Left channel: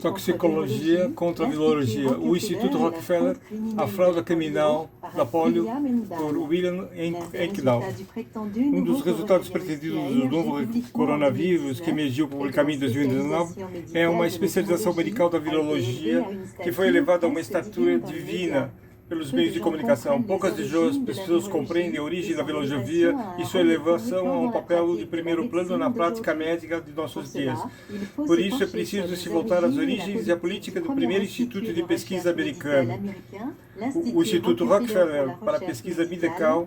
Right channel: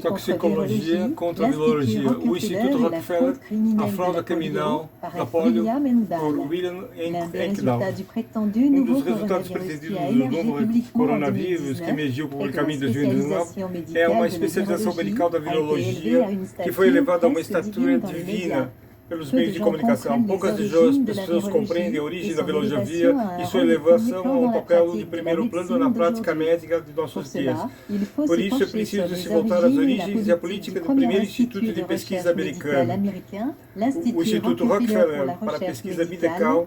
Toxicologia contra a virologia, o Instituto Rockefeller, a fraude criminal da polio, por William Enkdown. Um dos resultados pretendidos do novo coronavírus, que emergiu publicamente em 2019, é uma especialização medical da virologia que foi elevada a uma estatura divina pelos meios de comunicação. Poucas pessoas compreendem a origem da virologia e sua elevação a um papel de primeiro plano na prática médica de nossos dias. Por isso é preciso se voltar às origens e à política do primeiro Instituto de Pesquisa americano, o Instituto Rockefeller para a Pesquisa Medical,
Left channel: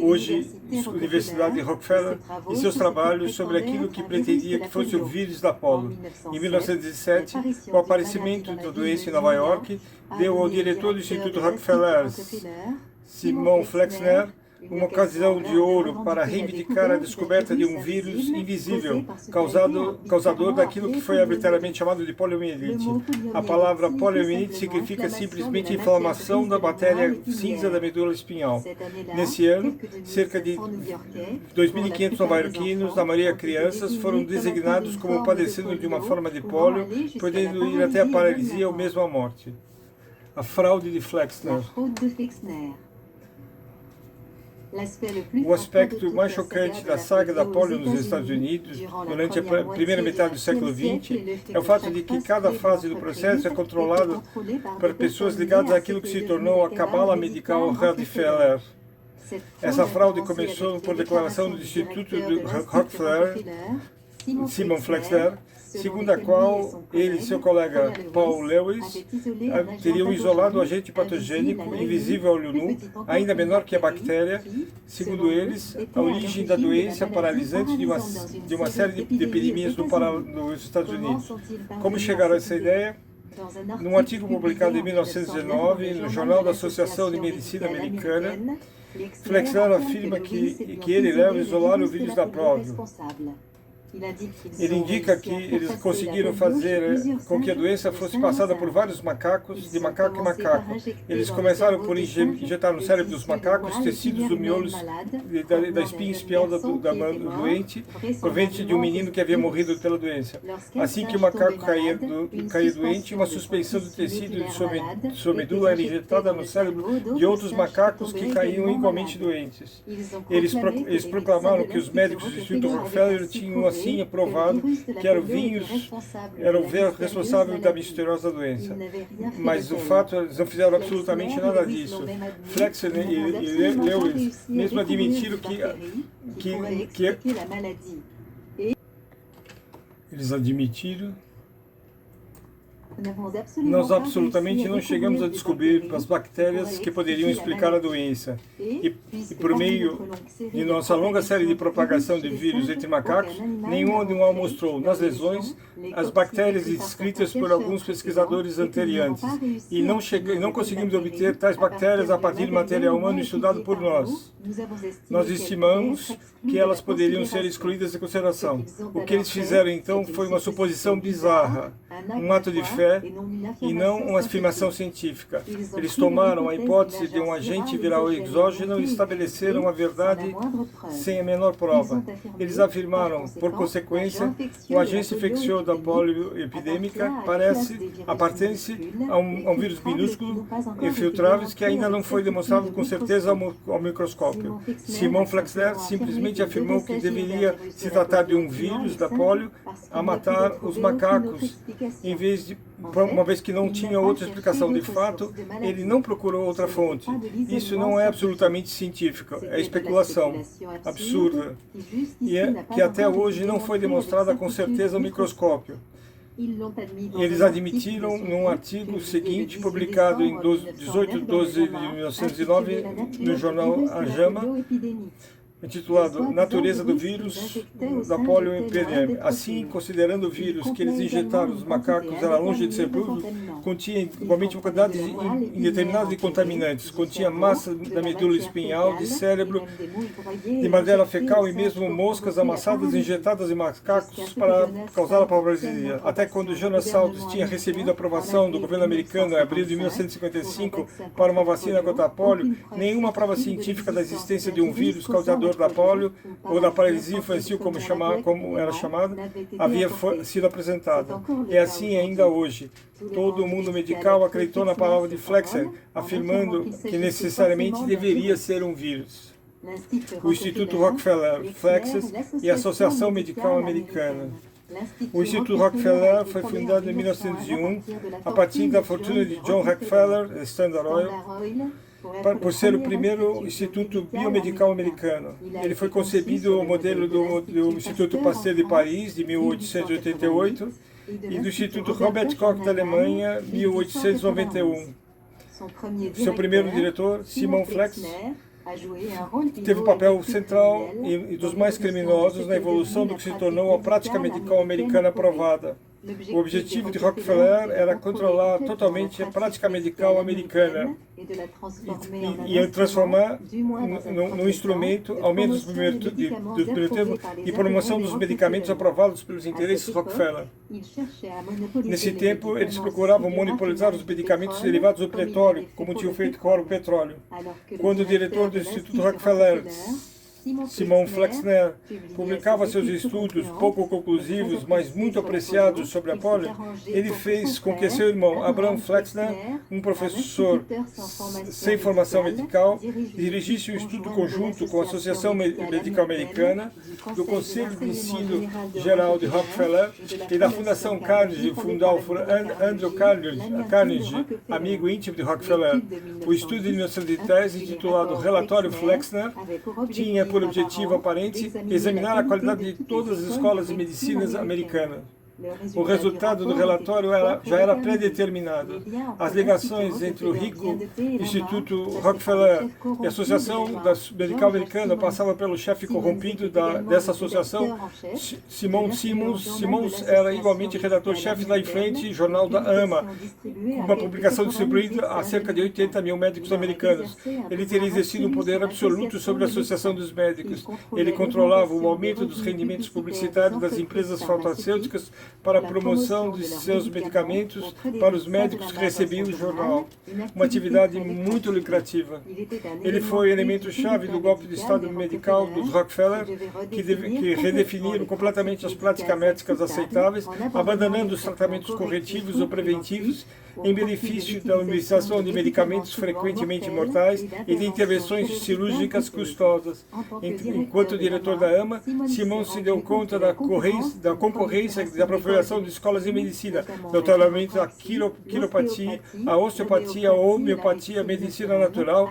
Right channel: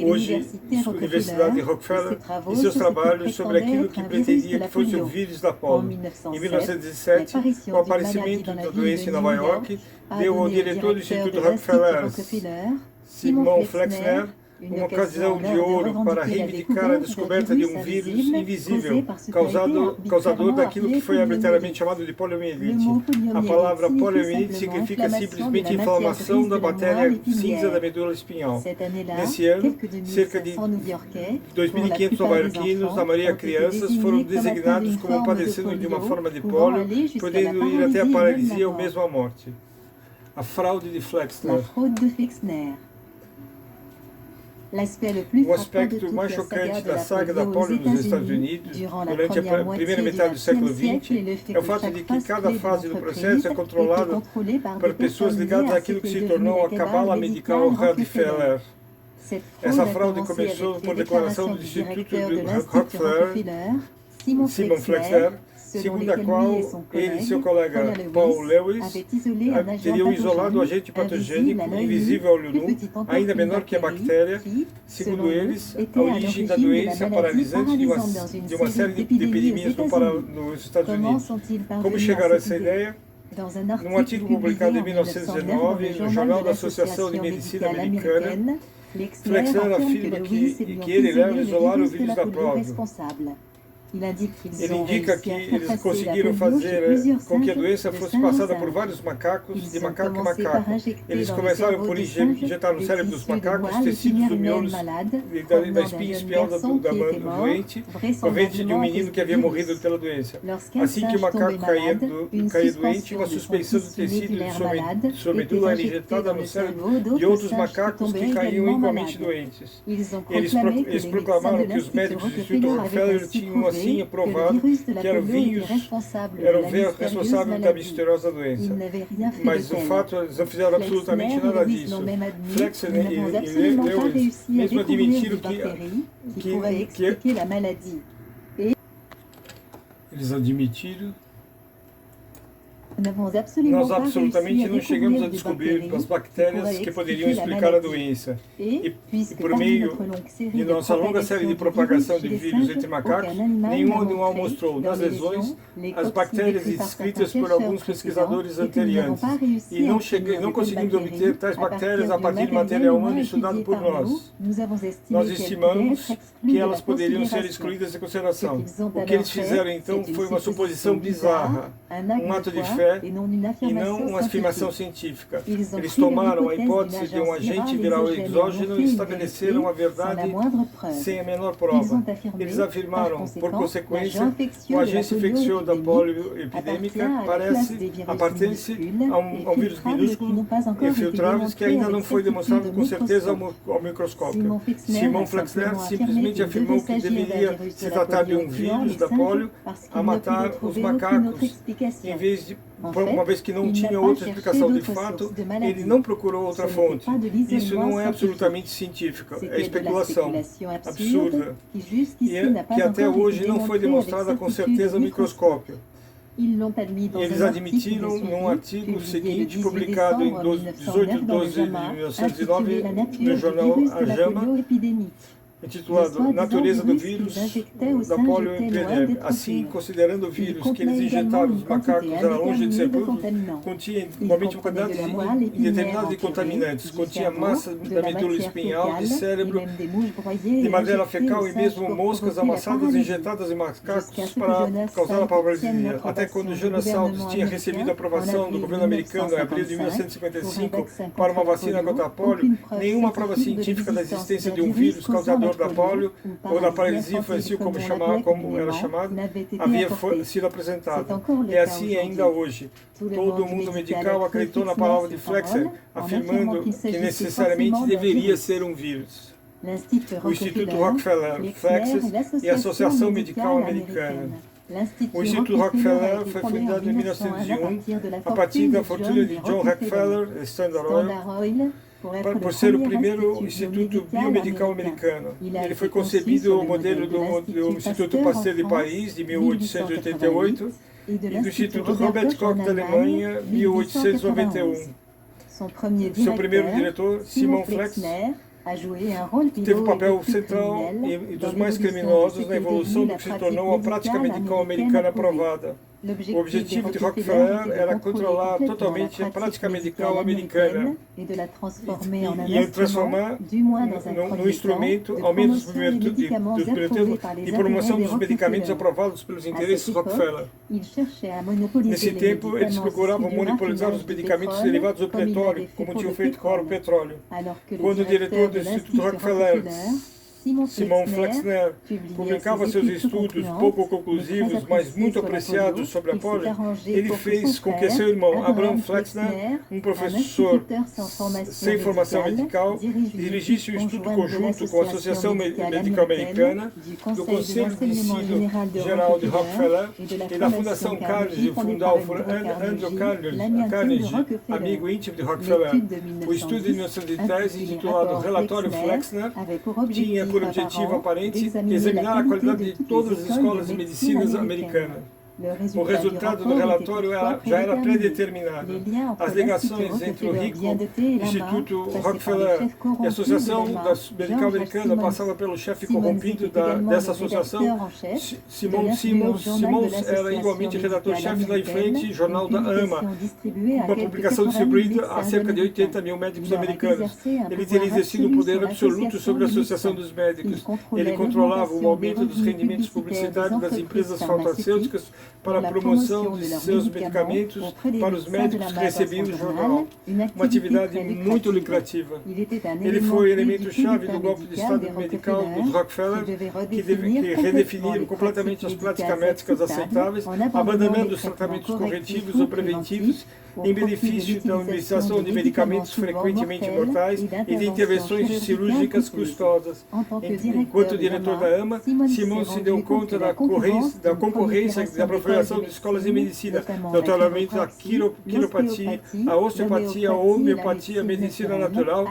hoje Universidade de Rockefeller, e seus trabalhos sobre aquilo que pretendia que fosse o vírus da polio. Em 1917, o aparecimento da doença em Nova York deu ao diretor do Instituto Rockefeller, Simon Flexner, uma ocasião de ouro para reivindicar a descoberta de um vírus invisível, causador daquilo que foi arbitrariamente chamado de poliomielite. A palavra poliomielite significa simplesmente inflamação da matéria cinza da medula espinhal. Nesse ano, cerca de 2.500 nova-iorquinos, na maioria crianças, foram designados como padecendo de uma forma de polio, podendo ir até a paralisia ou mesmo a morte. A fraude de Flexner. O aspecto mais chocante da saga da polio nos Estados Unidos, durante a primeira metade do século XX, é o fato de que cada fase do processo é controlada por pessoas ligadas àquilo que se tornou a cabala medical Rockefeller. Essa fraude começou por declaração do Instituto Rockefeller, Simon Flexner, segundo a qual ele e seu colega Paul Lewis teriam isolado o agente patogênico invisível ao olho nu, ainda menor que a bactéria, segundo eles, a origem da doença paralisante de uma série de epidemias nos Estados Unidos. Como chegaram a essa ideia? Num artigo publicado em 1919 no Jornal da Associação de Medicina Americana, Flexner afirma que ele e Lewis isolaram o vírus da polio. Ele indica que eles conseguiram fazer com que a doença fosse passada por vários macacos, de macaco em macaco. Eles começaram por injetar no cérebro dos macacos tecidos do miolo da espinha espial da doente, proveniente de um menino que havia morrido pela doença. Assim que o macaco caía doente, uma suspensão do tecido de sua medula era injetada no cérebro de outros macacos que caíam igualmente doentes. Eles proclamaram que os médicos do Instituto Rockefeller tinham assim aprovado que era o vírus responsável da misteriosa doença. Mas o fato, eles não fizeram absolutamente nada disso. Flexner e Lewis mesmo admitiram que eles admitiram. Nós absolutamente não chegamos a descobrir as bactérias que poderiam explicar a doença. E por meio de nossa longa série de propagação de vírus entre macacos, nenhum animal mostrou nas lesões as bactérias descritas por alguns pesquisadores anteriores. E não conseguimos obter tais bactérias a partir de material humano estudado por nós. Nós estimamos que elas poderiam ser excluídas de consideração. O que eles fizeram então foi uma suposição bizarra, um ato de fé e não uma afirmação científica. Eles tomaram a hipótese de um agente viral exógeno e estabeleceram a verdade sem a menor prova. Eles afirmaram, por consequência, o agente infeccioso da polio epidêmica aparte-se a um vírus minúsculo e infiltrável que ainda não foi demonstrado com certeza ao microscópio. Simon Flexner simplesmente afirmou que deveria se tratar de um vírus da polio a matar os macacos, em vez de uma vez que não tinha outra explicação de fato, ele não procurou outra fonte. Isso não é absolutamente científico, é especulação absurda, e que até hoje não foi demonstrada com certeza ao microscópio. Eles admitiram num artigo seguinte, publicado em 18 de 12 de 1909, no jornal A JAMA, intitulado Natureza do Vírus da polioepidemia. Assim, considerando o vírus que eles injetaram nos macacos era longe de ser puro, continha igualmente quantidades indeterminadas de contaminantes, continha massa da medula espinhal, de cérebro, de madeira fecal e mesmo moscas amassadas injetadas em macacos para causar a paralisia. Até quando Jonas Salles tinha recebido a aprovação do governo americano em abril de 1955 para uma vacina contra a polio, nenhuma prova científica da existência de um vírus causador vencedor da polio, ou da paralisia infantil, como era chamado, havia sido apresentada. É assim ainda hoje. Todo o mundo medical acreditou na palavra de Flexner, afirmando que necessariamente deveria ser um vírus. O Instituto Rockefeller, Flexner e a Associação Medical Americana. O Instituto Rockefeller foi fundado em 1901 a partir da fortuna de John Rockefeller, Standard Oil, por ser o primeiro instituto biomedical americano. Ele foi concebido ao modelo do Instituto Pasteur de Paris, de 1888, e do Instituto Robert Koch da Alemanha, 1891. Seu primeiro diretor, Simon Flexner, teve um papel central e dos mais criminosos na evolução do que se tornou a prática medical americana aprovada. O objetivo de Rockefeller era controlar totalmente a prática medical americana e transformar num instrumento, ao menos dos primeiros de promoção dos medicamentos aprovados pelos interesses Rockefeller. Nesse tempo, eles procuravam monopolizar os medicamentos derivados do petróleo, como tinham feito com o petróleo. Quando o diretor do Instituto Rockefeller, Simon Flexner, publicava seus estudos pouco conclusivos, mas muito apreciados sobre a polio, ele fez com que seu irmão, Abraham Flexner, um professor sem formação medical, dirigisse um estudo conjunto com a Associação Medical Americana, do Conselho de Ensino Geral de Rockefeller e da Fundação Carnegie, fundada por Andrew Carnegie, amigo íntimo de Rockefeller. O estudo de 1910, intitulado Relatório Flexner, tinha por objetivo aparente examinar a qualidade de todas as escolas de medicina americanas. O resultado do relatório já era predeterminado. As ligações entre o rico Instituto Rockefeller e a Associação Medical Americana passavam pelo chefe corrompido dessa associação, Simon Simmons. Simmons era igualmente redator-chefe da influente jornal da AMA, uma publicação distribuída a cerca de 80 mil médicos americanos. Ele teria exercido um poder absoluto sobre a Associação dos Médicos. Ele controlava o aumento dos rendimentos publicitários das empresas farmacêuticas para a promoção de seus medicamentos para os médicos que recebiam o jornal, uma atividade muito lucrativa. Ele foi elemento-chave do golpe de Estado medical dos Rockefeller, que redefiniram completamente as práticas médicas aceitáveis, abandonando os tratamentos corretivos ou preventivos em benefício da administração de medicamentos frequentemente mortais e de intervenções cirúrgicas custosas. Enquanto diretor da AMA, Simon se deu conta da concorrência da proliferação de escolas de medicina, notoriamente a quiropatia, a osteopatia, a homeopatia, a medicina natural,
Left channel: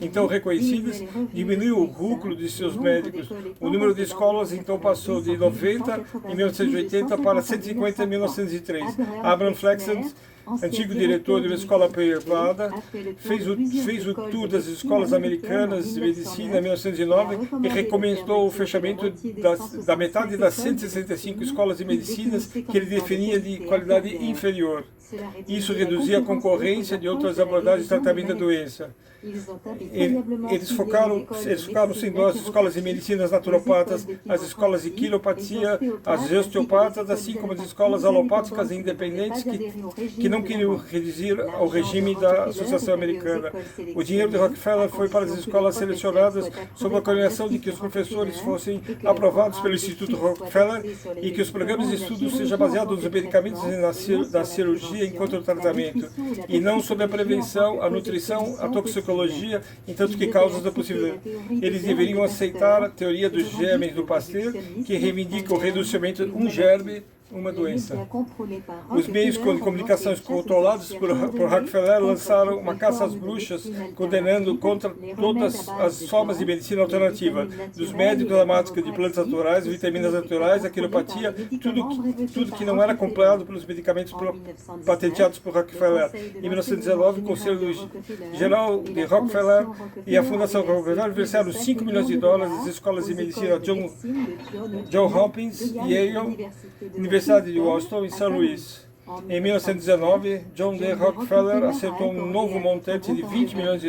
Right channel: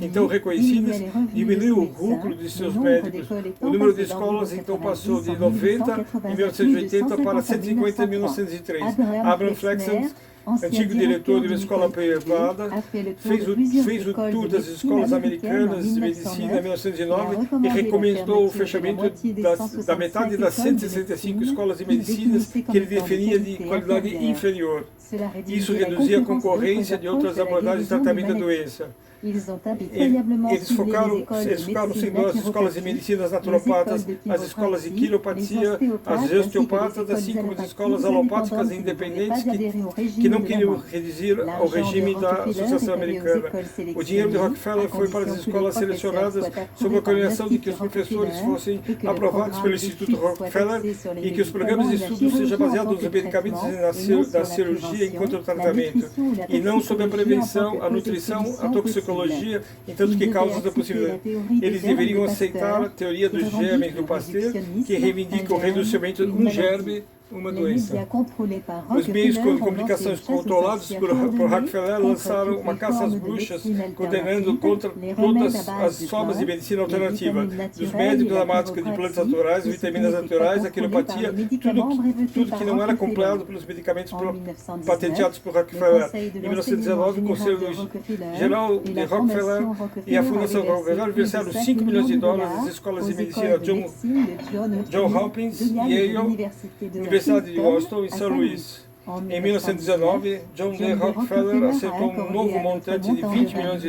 então reconhecidas, diminuiu o lucro de seus médicos. O número de escolas então passou de 90 em 1980 para 150 em 1903. Abraham Flexner, antigo diretor de uma escola privada, fez o tour das escolas americanas de medicina em 1909 e recomendou o fechamento da metade das 165 escolas de medicina que ele definia de qualidade inferior. Isso reduzia a concorrência de outras abordagens de tratamento da doença. Eles focaram sem dó as escolas de medicinas naturopatas, as escolas de quiropatia, as osteopatas, assim como as escolas alopáticas independentes que não queriam reduzir ao regime da Associação Americana. O dinheiro de Rockefeller foi para as escolas selecionadas sob a condição de que os professores fossem aprovados pelo Instituto Rockefeller e que os programas de estudo sejam baseados nos medicamentos da cirurgia enquanto tratamento, e não sobre a prevenção, a nutrição, a toxicologia, entanto que causas da possível. Eles deveriam aceitar a teoria dos germes do Pasteur, que reivindica o reducimento de um germe, uma doença. Os meios de comunicação controlados por Rockefeller lançaram uma caça às bruxas, condenando contra todas as formas de medicina alternativa, dos médicos à mágica de plantas naturais, vitaminas naturais, a quiropatia, tudo que não era comprado pelos medicamentos patenteados por Rockefeller. Em 1919, o Conselho Geral de Rockefeller e a Fundação Rockefeller versaram $5 milhões às escolas de medicina Johns Hopkins e Yale, Universidade de Washington e São Luís. Em 1919, John D. Rockefeller aceitou um novo montante de $20 milhões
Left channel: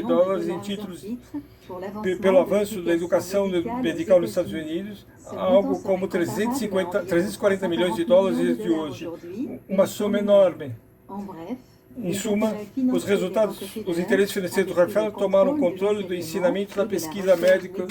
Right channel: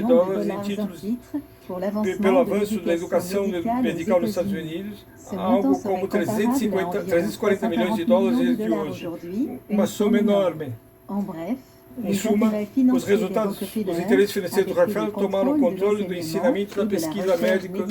em títulos pelo avanço da educação medical nos Estados Unidos, algo como 340 milhões de dólares de hoje. Uma soma enorme. Em suma, os resultados, os interesses financeiros do Rockefeller tomaram o controle do ensinamento da pesquisa médica.